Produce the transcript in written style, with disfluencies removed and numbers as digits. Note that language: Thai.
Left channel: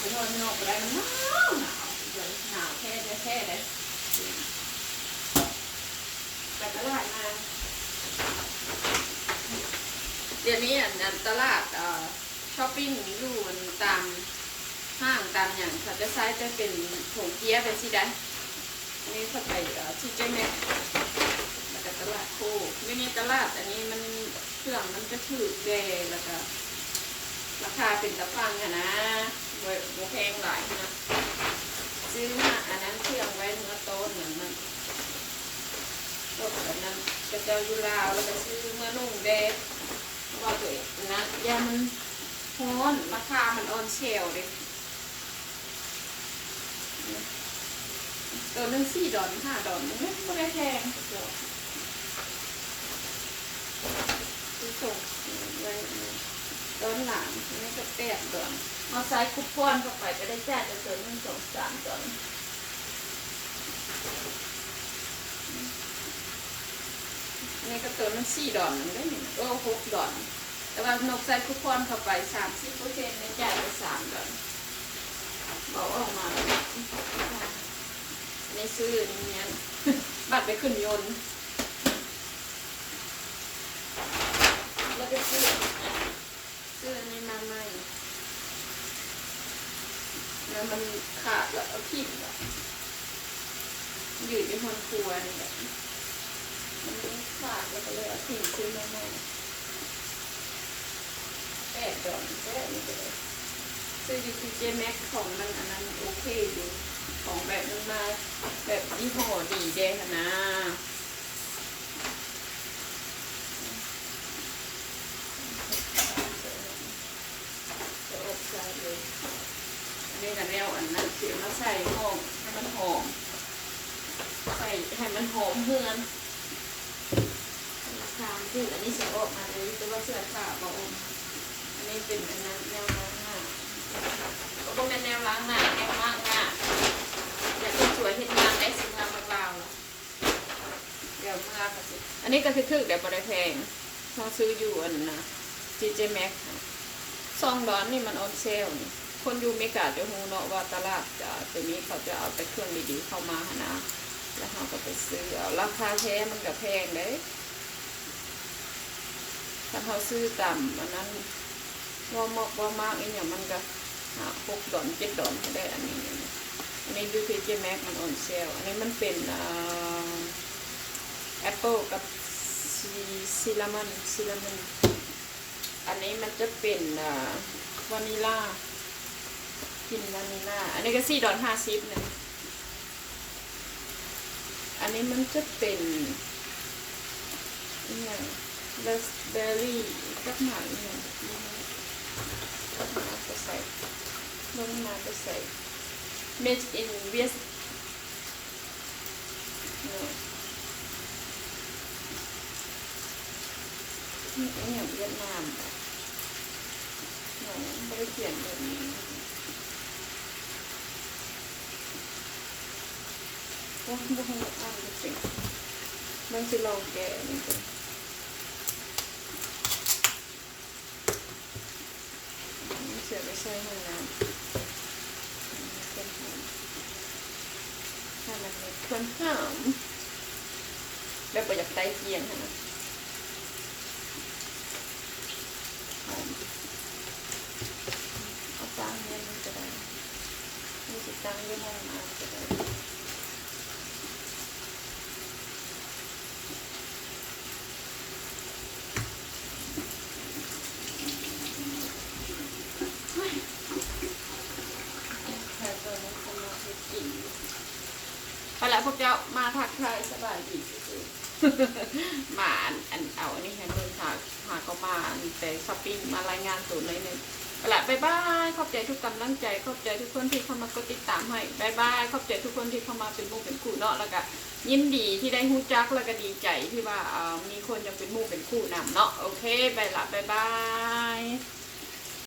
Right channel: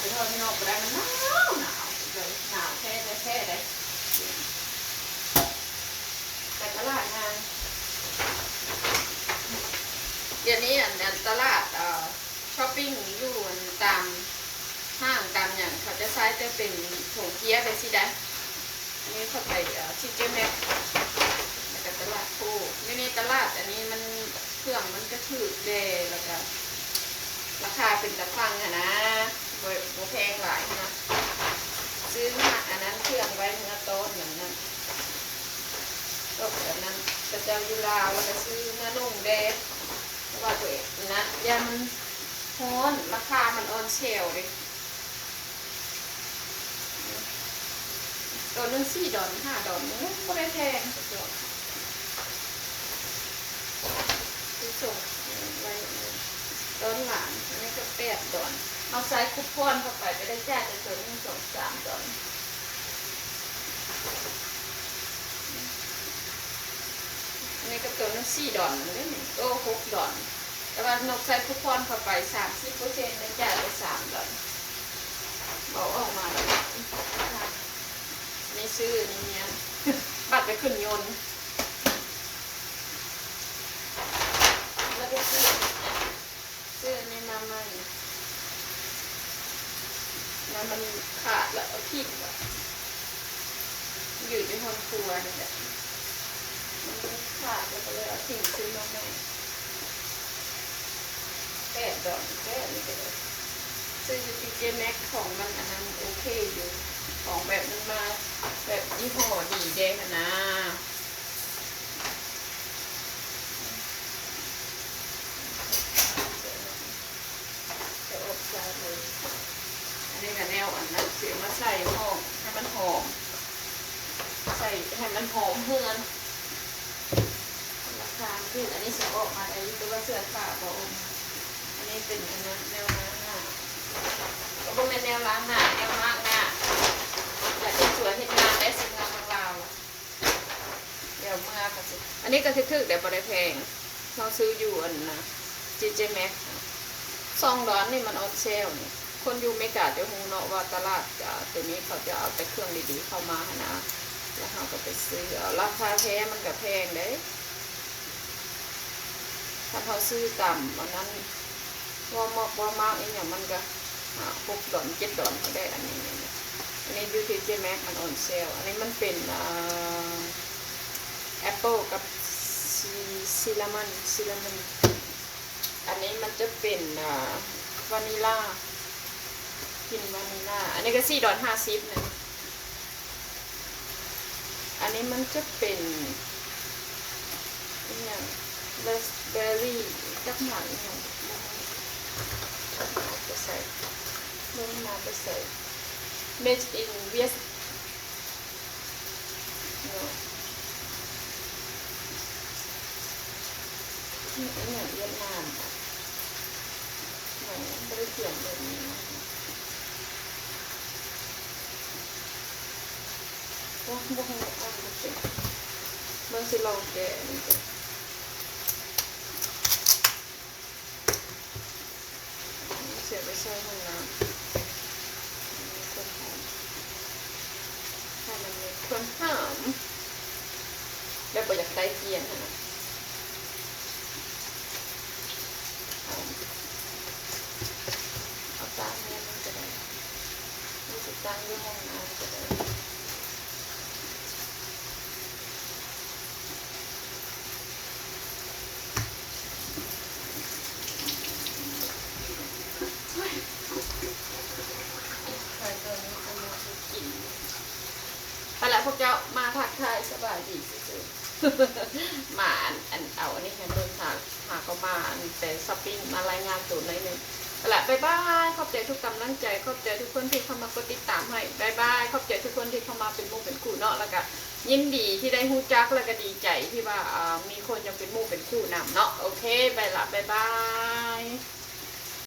ไปทอดไม่นอกก็ได้มันหนาวเลยหนาวแค่เลยไปตลาดมาเดี๋ยวนี้ตลาดช้อปปิ้งอยู่ตามห้างตามอย่างเขาจะใช้จะเป็นผงเกี๊ยวเป็นสิได้อันนี้เขาไปที่เจ้าแม่มาจากตลาดโคอยู่ในตลาดอันนี้มันเครื่องมันจะถือเดแล้วก็ราคาเป็นตะฟังนะโดยแพงหลายนะซื้อมาอันนั้นเครื่องไว้เมื่อโต๊ะเหมือนนั้นก็แบบนั้นกระเจ้าอยู่ลาวแล้วก็ซื้อมาลงเดเพราะว่าตัวเองนะยันฮ้อนราคามันออนเชลเลยตัวนึง$4 $5ไม่ได้แพงตัวซื้อส่งไว้ต้นหลานอันนี้ก็$8เอาไซส์คูปองเข้าไปก็ได้จ่ายแต่ตัวนึง$3อันนี้ก็ตัวนึง$4นั่นได้1ก็$6แต่ว่านกใส่คูปองเข้าไป30%ได้จ่ายไป$3บอกออกมาไม่ซื้อนี่เนี่ยบัตรไปขึ้นยนต์แล้วก็ซื้อนี่มาใหม่แล้วมันขาดแล้วเอาผิดแบบอยู่ในห้องครัวนี่แหละมันขาดแล้วก็เลยเอาทิ้งซื้อมาใหม่$8แค่นี้ก็เลยซื้ออยู่ที่เจแม็กของมันอันนั้นโอเคอยู่ของแบบนั้นมาแบบยี่ห้อดีเด้ค่ะนะจะอบใส่เลยอันนี้กับแนวอันนั้นเสียมาใส่ห้องให้มันหอมใส่ให้มันหอมเฮือนราคาที่อันนี้จะออกมาเลยแต่ว่าเสื้อผ้าบอกอันนี้เป็นอันนั้นแนวล้างหน้าก็เป็นแนวล้างหน้าแนวล้างหน้าอยากสวยเห็นงามได้สิงามมากๆเดี๋ยวมาค่ะสิอันนี้ก็คือเดี๋ยวบริแพงเราซื้ออยู่อันนะJJ Max $2นี่มันออนเซลนี่คนอยู่เมกาจะหูเนาะว่าตลาดตัวนี้เขาจะเอาแต่เครื่องดีๆเข้ามานะแล้วเราก็ไปซื้อเอาราคาแท้มันก็แพงเด้ถ้าเขาซื้อต่ำอันนั้นว่ามากอีกอย่างมันก็$6 $7ก็ได้อันนี้ดูที่เจแม็กมันออนเซลอันนี้มันเป็นแอปเปิลกับซิลลามอนอันนี้มันจะเป็นวานิลากลิ่นวานิลาอันนี้ก็$4.50นะอันนี้มันจะเป็นอย่างราสเบอร์รี่กับหนังอย่างจะใส่ลงมาจะใส่made in Vietnam นี่อย่างเวียดนามไม่ได้เขียนแบบนี้ว่าบุ้งอ่านไม่เป็นบางสิเราแกะนี่เป็นเสียไปใช้ห้องน้ำให้มันมีความหอมแบบอยากได้เกียงนะเอาตั้งเงินมันจะได้ไม่ติดตั้งที่ห้องน้ำจะได้ไปแล้วพวกเจ้ามาทักทายสบายดีสุดๆมาเอาอันนี้ให้เบิ่งหาก็มาแต่ช้อปปิ้งมารายงานตัวเลยนึงไปแล้วบ๊ายบายขอบใจทุกกำลังใจขอบใจทุกคนที่เข้ามากดติดตามให้บ๊ายบายขอบใจทุกคนที่เข้ามาเป็นหมู่เป็นคู่เนาะแล้วก็ยินดีที่ได้ฮู้จักแล้วก็ดีใจที่ว่ามีคนยังเป็นหมู่เป็นคู่นำเนาะโอเคไปละบ๊ายบาย